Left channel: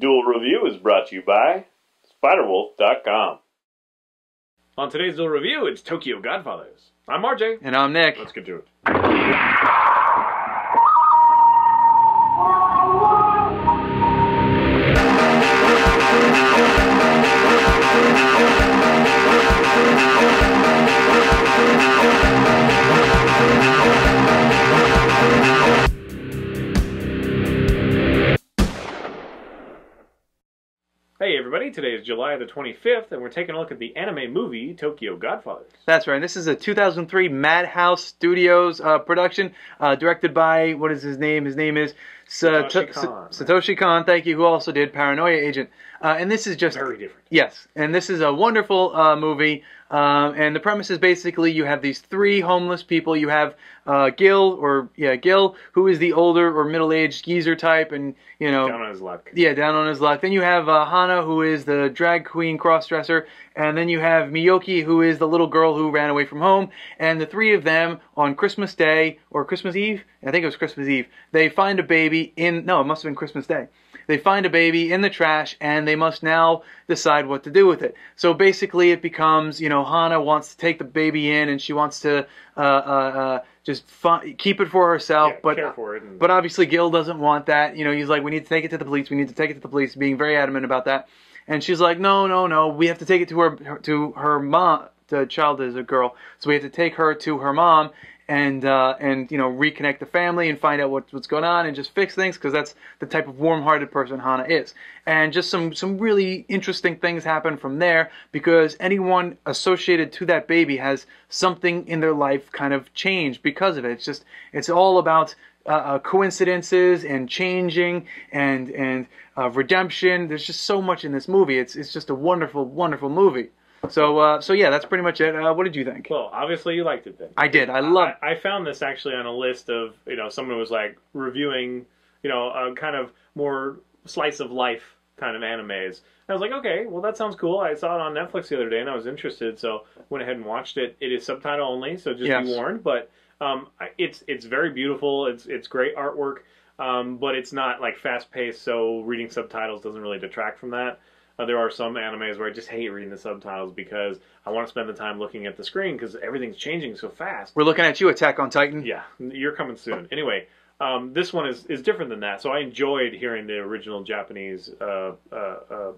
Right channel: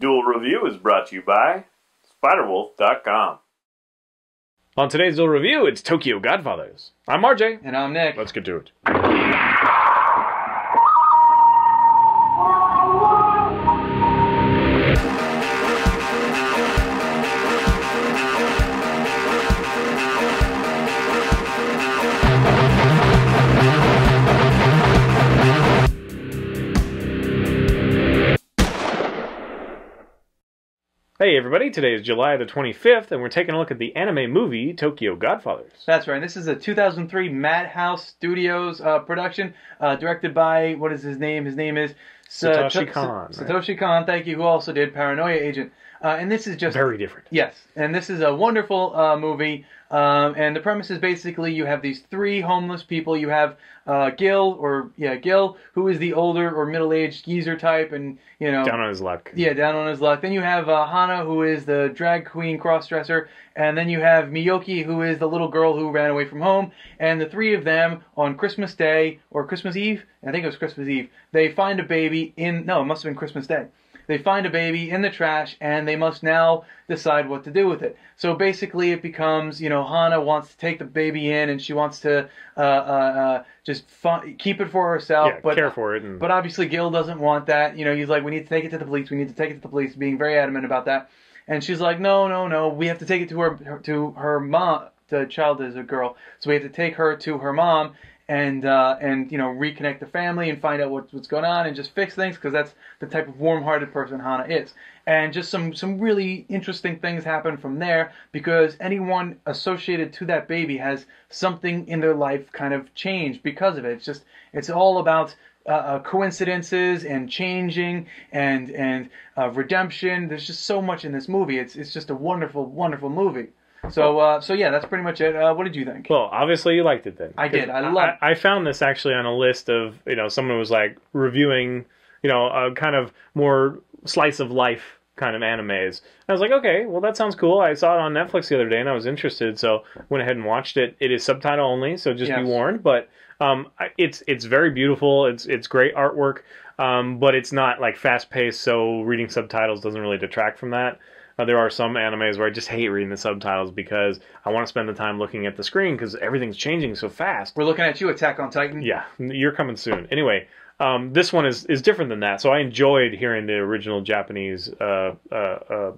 Duel Review is brought to you by SpiderWolf.com. On today's Duel Review, it's Tokyo Godfathers. I'm RJ. And I'm Nick. Let's get to it. Hey everybody, today is July the 25th, and we're taking a look at the anime movie Tokyo Godfathers. That's right. This is a 2003 Madhouse Studios production, directed by, what is his name? His name is Satoshi Kon. Satoshi Kon, thank you, who also did Paranoia Agent. And this is just... Very different. Yes, and this is a wonderful movie, and the premise is basically you have these three homeless people. You have Gil, who is the older or middle-aged geezer type, and, you know... Down on his luck. Yeah, down on his luck. Then you have Hana, who is the drag queen cross-dresser, and then you have Miyoki, who is the little girl who ran away from home, and the three of them, on Christmas Day, or Christmas Eve? I think it was Christmas Eve, they find a baby in... No, it must have been Christmas Day. They find a baby in the trash, and they must now decide what to do with it. So basically it becomes, Hana wants to take the baby in, and she wants to just keep it for herself. Yeah, but care for it. But obviously Gil doesn't want that. He's like, we need to take it to the police. We need to take it to the police, being very adamant about that. And she's like, no, we have to take it to her mom. The child is a girl, so we have to take her to her mom. And reconnect the family and find out what's going on and just fix things, because that's the type of warm-hearted person Hana is. And just some really interesting things happen from there, because anyone associated to that baby has something in their life kind of changed because of it. It's all about coincidences and changing and redemption. There's just so much in this movie. It's just a wonderful, wonderful movie. So yeah, that's pretty much it. What did you think? Well, obviously you liked it then. I did. I loved it. I found this actually on a list of, someone was like reviewing, a kind of more slice of life kind of animes. I was like, okay, well that sounds cool. I saw it on Netflix the other day and I was interested, so went ahead and watched it. It is subtitle only, so just be warned. But it's very beautiful. It's great artwork, but it's not like fast paced. So reading subtitles doesn't really detract from that. There are some animes where I just hate reading the subtitles because I want to spend the time looking at the screen because everything's changing so fast. We're looking at you, Attack on Titan. Yeah, you're coming soon. Anyway, this one is different than that, so I enjoyed hearing the original Japanese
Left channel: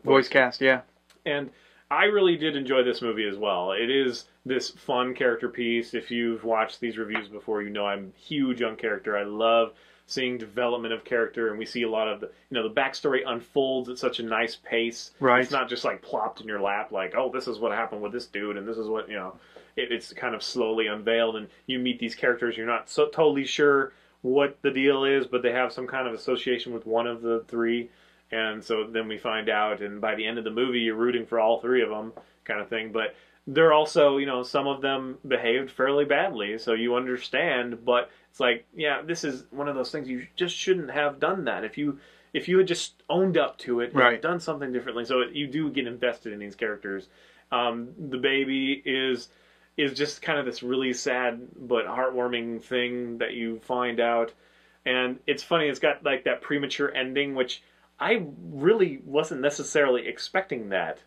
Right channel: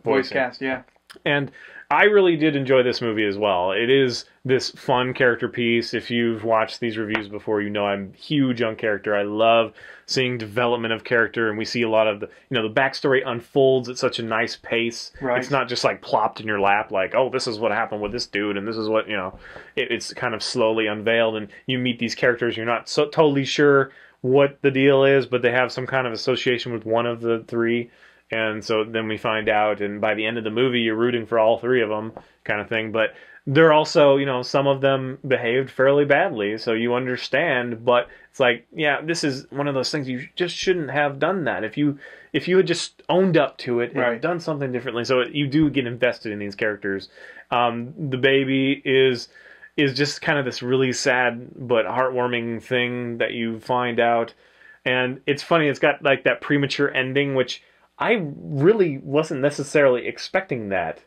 voice cast, yeah. And I really did enjoy this movie as well. It is this fun character piece. If you've watched these reviews before, I'm huge on character. I love seeing development of character, and we see a lot of the backstory unfolds at such a nice pace. Right. It's not just like plopped in your lap like, oh, this is what happened with this dude, and this is what, it's kind of slowly unveiled, and you meet these characters, you're not so totally sure what the deal is, but they have some kind of association with one of the three. And so then we find out, and by the end of the movie, you're rooting for all three of them, kind of thing. But they're also, some of them behaved fairly badly, so you understand. But it's like, yeah, this is one of those things you just shouldn't have done that. If you had just owned up to it and done something differently, so you do get invested in these characters. The baby is just kind of this really sad but heartwarming thing that you find out, and it's funny. It's got like that premature ending, which I really wasn't necessarily expecting that,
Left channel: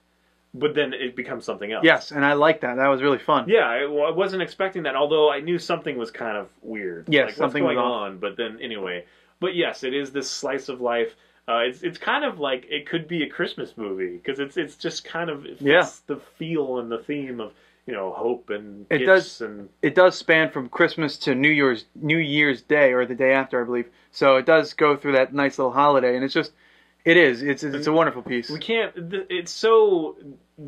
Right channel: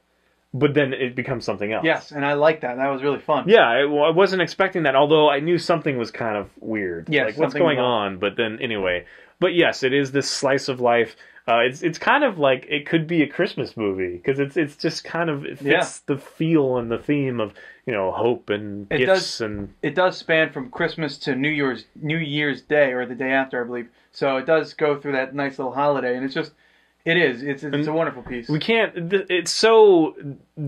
but then it becomes something else. Yes, and I like that. That was really fun. Yeah, I wasn't expecting that, although I knew something was kind of weird. Yes, like, what's going on? But then, anyway. But yes, it is this slice of life. It's kind of like it could be a Christmas movie, because it's just kind of, it fits the feel and the theme of, hope and gifts. It does span from Christmas to New Year's Day, or the day after, I believe. So it does go through that nice little holiday, and it's just... It's a wonderful piece. We can't... It's so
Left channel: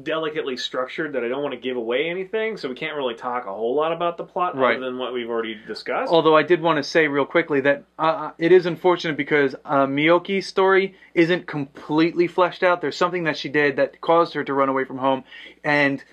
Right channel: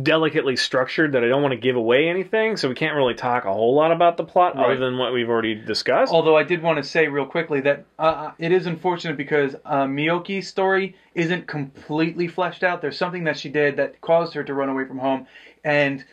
delicately structured that I don't want to give away anything, so we can't really talk a whole lot about the plot other than what we've already discussed. Although I did want to say real quickly that it is unfortunate because Miyoki's story isn't completely fleshed out. There's something that she did that caused her to run away from home, and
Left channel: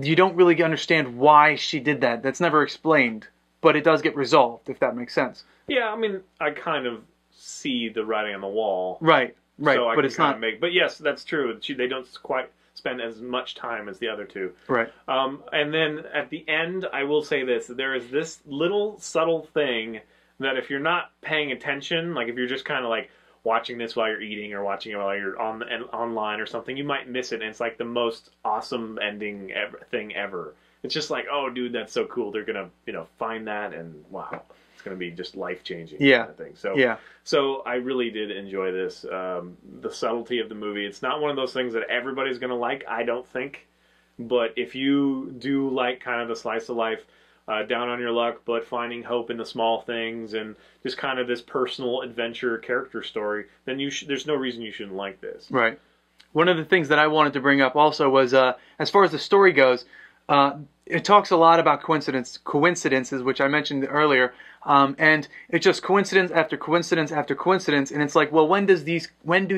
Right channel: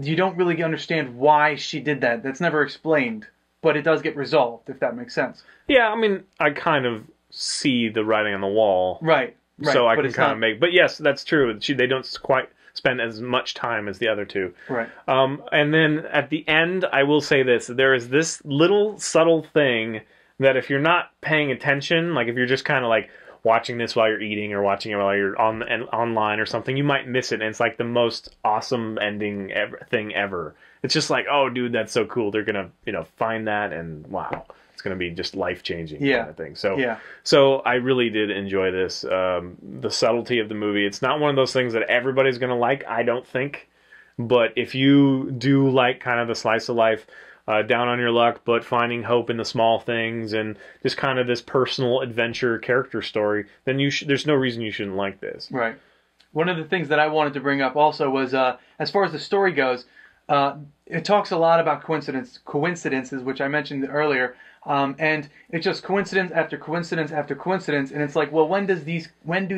you don't really understand why she did that. That's never explained, but it does get resolved, if that makes sense. Yeah, I mean, I kind of see the writing on the wall. Right. So I can kind of make... But yes, that's true. They don't quite spend as much time as the other two. Right. And then at the end, I will say this. There is this little subtle thing that if you're not paying attention, like if you're just kind of like watching this while you're eating or watching it while you're online or something, you might miss it, and it's like the most awesome ending thing ever. It's just like, oh, dude, that's so cool. They're gonna, find that, and wow, it's gonna be just life changing. Yeah. Kind of thing. So, Yeah. So I really did enjoy this. The subtlety of the movie. It's not one of those things that everybody's gonna like, I don't think. But if you do like kind of the slice of life, down on your luck, but finding hope in the small things and just kind of this personal adventure character story, then there's no reason you shouldn't like this. Right. One of the things that I wanted to bring up also was, as far as the story goes, it talks a lot about coincidences, which I mentioned earlier, and it's just coincidence after coincidence after coincidence, and it's like, well, when do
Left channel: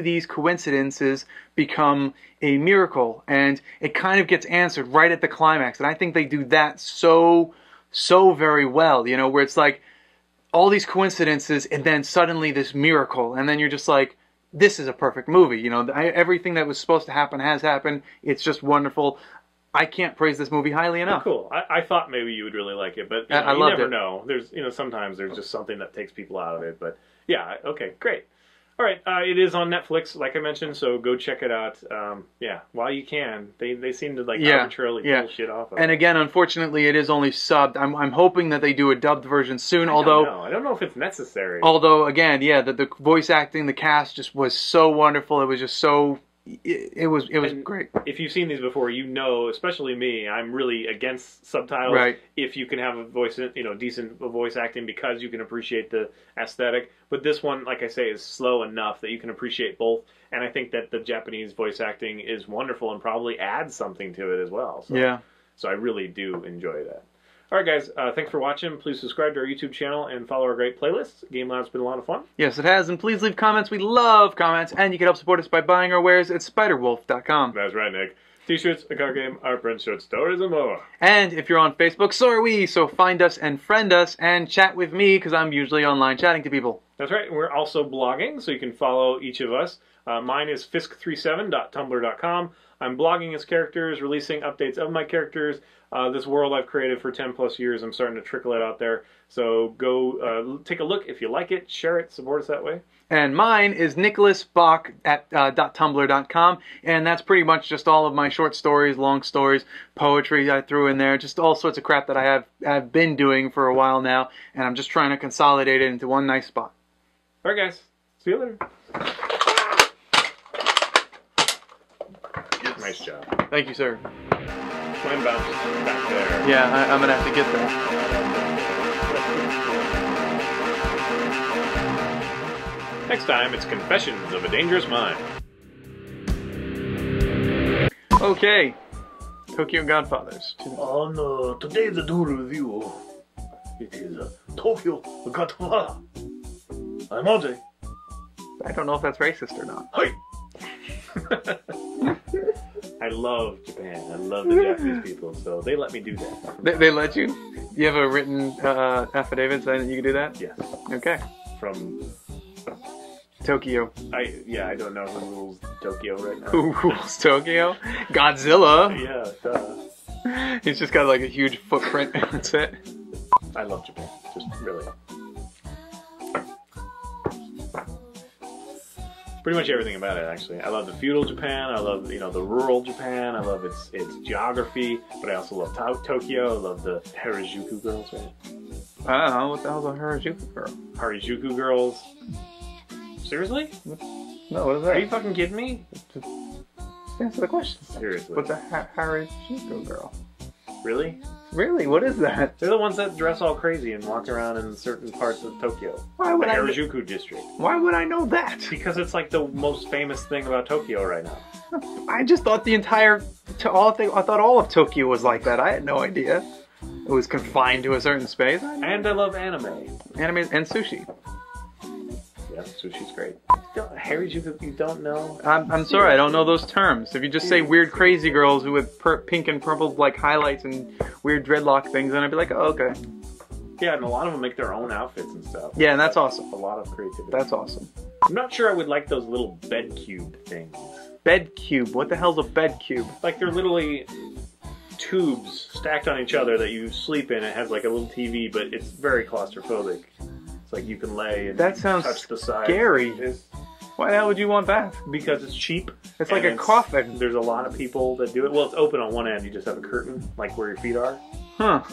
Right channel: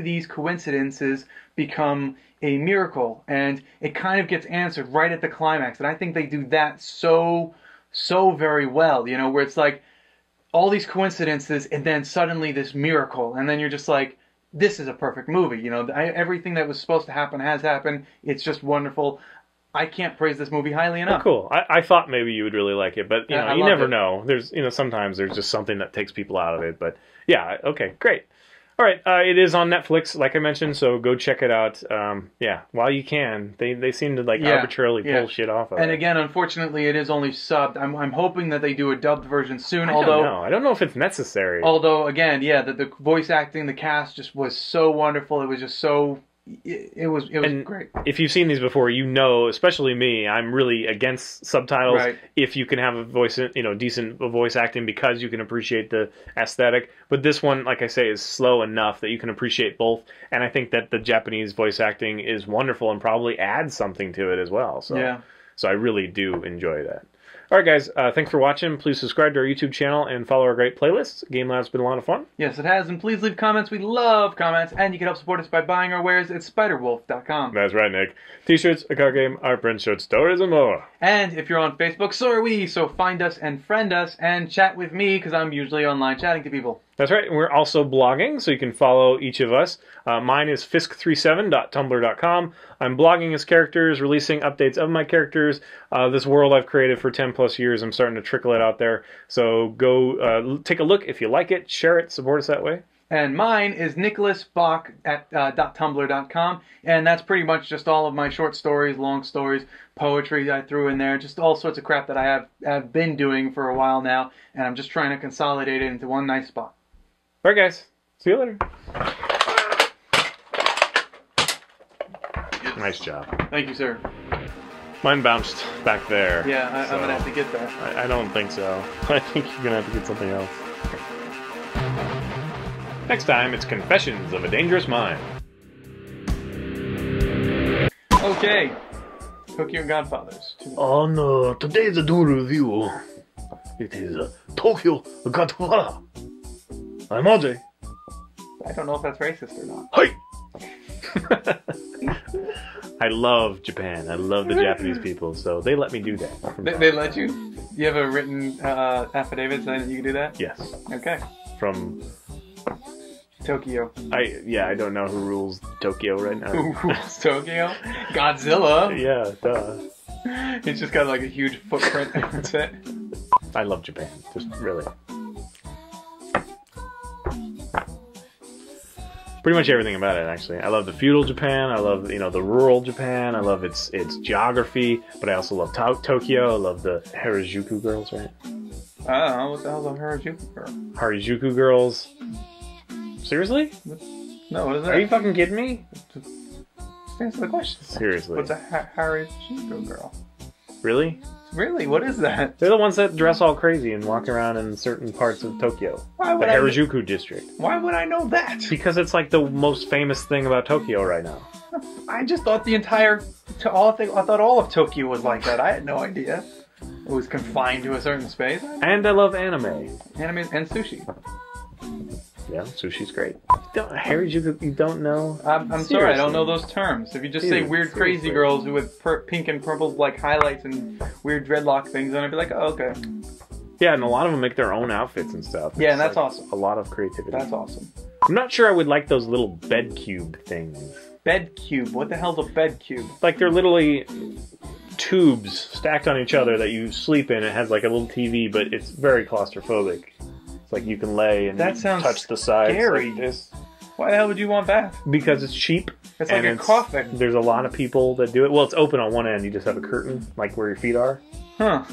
these coincidences become a miracle? And it kind of gets answered right at the climax, and I think they do that so very well, where it's like all these coincidences and then suddenly this miracle, and then you're just like, this is a perfect movie. Everything that was supposed to happen has happened. It's just wonderful. I can't praise this movie highly enough. Cool. I thought maybe you would really like it, but you never know. There's sometimes there's just something that takes people out of it. But yeah, okay, great. All right, it is on Netflix, like I mentioned, so go check it out. While you can. They seem to arbitrarily pull shit off of it. And again, unfortunately, it is only subbed. I'm hoping that they do a dubbed version soon. I don't know if it's necessary. Although, again, the voice acting, the cast just was so wonderful. It was just so. It was great. If you've seen these before, especially me, I'm really against subtitles. Right. If you can have a voice, decent voice acting, because you can appreciate the aesthetic. But this one, like I say, is slow enough that you can appreciate both. And I think that the Japanese voice acting is wonderful and probably adds something to it as well. So I really do enjoy that. All right, guys, thanks for watching. Please subscribe to our YouTube channel and follow our great playlists. Game Lab's been a lot of fun. Yes, it has. And please leave comments. We love comments. And you can help support us by buying our wares at spiderwolf.com. That's right, Nick. T-shirts, a card game, art print, short stories, and more. And if you're on Facebook, so are we. So find us and friend us and chat with me, because I'm usually online chatting to people. That's right. We're also blogging, so you can follow each of us. Mine is fisk37.tumblr.com. I'm blogging as characters, releasing updates of my characters. This world I've created for 10 plus years, I'm starting to trickle it out there. So go take a look if you like it, share it, support us that way. And mine is nicholasbach at .tumblr.com, and that's pretty much just all of my short stories, long stories, poetry I threw in there, just all sorts of crap that I have been doing for a while now, and I'm just trying to consolidate it into one nice spot. All right, guys. See you later. Nice job. Thank you, sir. Mine bounced back there. Yeah, I'm going to have to get there. I don't think so. I think you're going to have to get something else. Next time, it's Confessions of a Dangerous Mind. Okay. Tokyo Godfathers. Oh no, today's a duel review. It is Tokyo Godfather. I'm Audrey. I don't know if that's racist or not. Hi! I love Japan. I love the Japanese people, so they let me do that. They let you? You have a written affidavit saying you can do that? Yes. Okay. From Tokyo. I don't know who rules Tokyo right now. Who rules Tokyo? Godzilla. Yeah, duh. He's just got like a huge footprint. That's it. I love Japan. Just really. Pretty much everything about it, actually. I love the feudal Japan. I love, the rural Japan. I love its geography. But I also love Tokyo. I love the Harajuku girls, right? What the hell's a Harajuku girl? Harajuku girls. Seriously? No, what is that? Are you fucking kidding me? Just answer the question. Seriously. What's a Harajuku girl? Really? Really? What is that? They're the ones that dress all crazy and walk around in certain parts of Tokyo. The Harajuku district. Why would I know that? Because it's like the most famous thing about Tokyo right now. I just thought I thought all of Tokyo was like that. I had no idea. It was confined to a certain space. And I love anime. Anime and sushi. Yeah, sushi's great. Harajuku, you don't know? I'm sorry, I don't know those terms. If you just say weird crazy girls with pink and purple like highlights and weird dreadlock things, then I'd be like, oh, okay. Yeah, and a lot of them make their own outfits and stuff. Yeah, and that's awesome. A lot of creativity. That's awesome. I'm not sure I would like those little bed cube things. Bed cube? What the hell's a bed cube? Like they're literally tubes stacked on each other that you sleep in. It has like a little TV, but it's very claustrophobic. Like you can lay and touch the sides scary. like this. Why the hell would you want bath? Because it's cheap. It's like a coffin. There's a lot of people that do it. Well, it's open on one end. You just have a curtain, like where your feet are. Huh.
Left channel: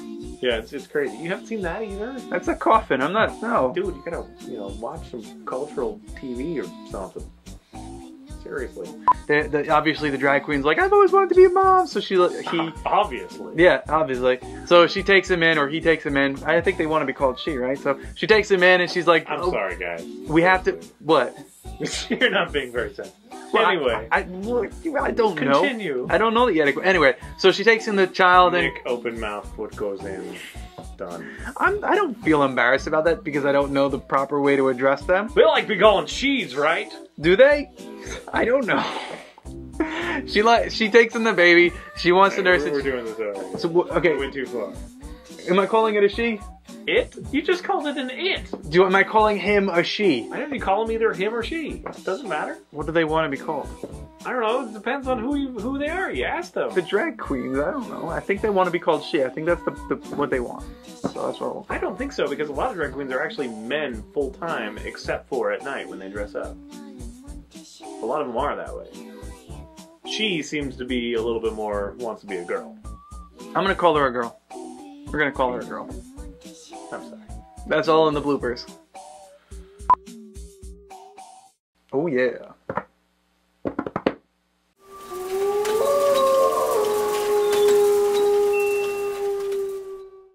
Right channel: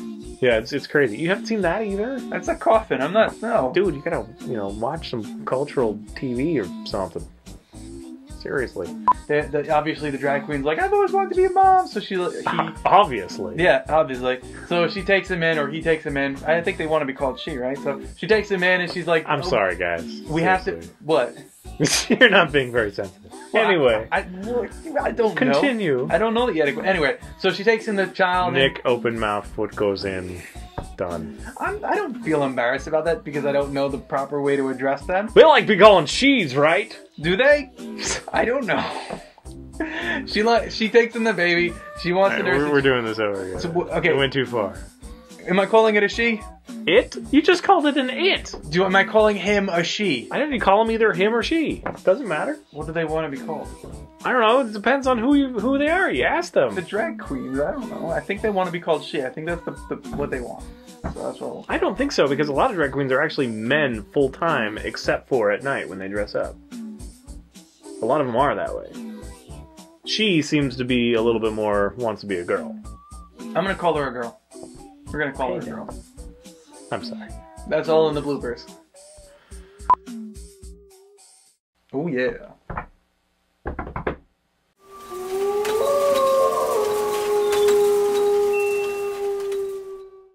Yeah, it's crazy. You haven't seen that either? That's a coffin. I'm not, no. Dude, you gotta, watch some cultural TV or something. Seriously. Obviously, the drag queen's like, I've always wanted to be a mom. So he. Obviously. Yeah, obviously. So she takes him in, or he takes him in. I think they want to be called she, right? So she takes him in, and she's like, I'm sorry, guys. We have to. What? You're not being very sensitive. Well, anyway. I don't Continue. know. I don't know that yet. Anyway, so she takes in the child. Nick, open mouth, foot goes in. Done. I don't feel embarrassed about that because I don't know the proper way to address them. They like to be calling she's, right? Do they? I don't know. She takes in the baby. She wants to nurse. We're doing this over again. So, okay. It went too far. Am I calling it a she? It? You just called it an it. Am I calling him a she? I didn't call him either him or she. Doesn't matter. What do they want to be called? I don't know. It depends on who they are. You ask them. The drag queens. I don't know. I think they want to be called she. I think that's what they want. So that's what. I don't think so because a lot of drag queens are actually men full time, except for at night when they dress up. A lot of them are that way. She seems to be a little bit more wants to be a girl. I'm gonna call her a girl. We're gonna call her a girl. I'm sorry. That's all in the bloopers. Oh yeah.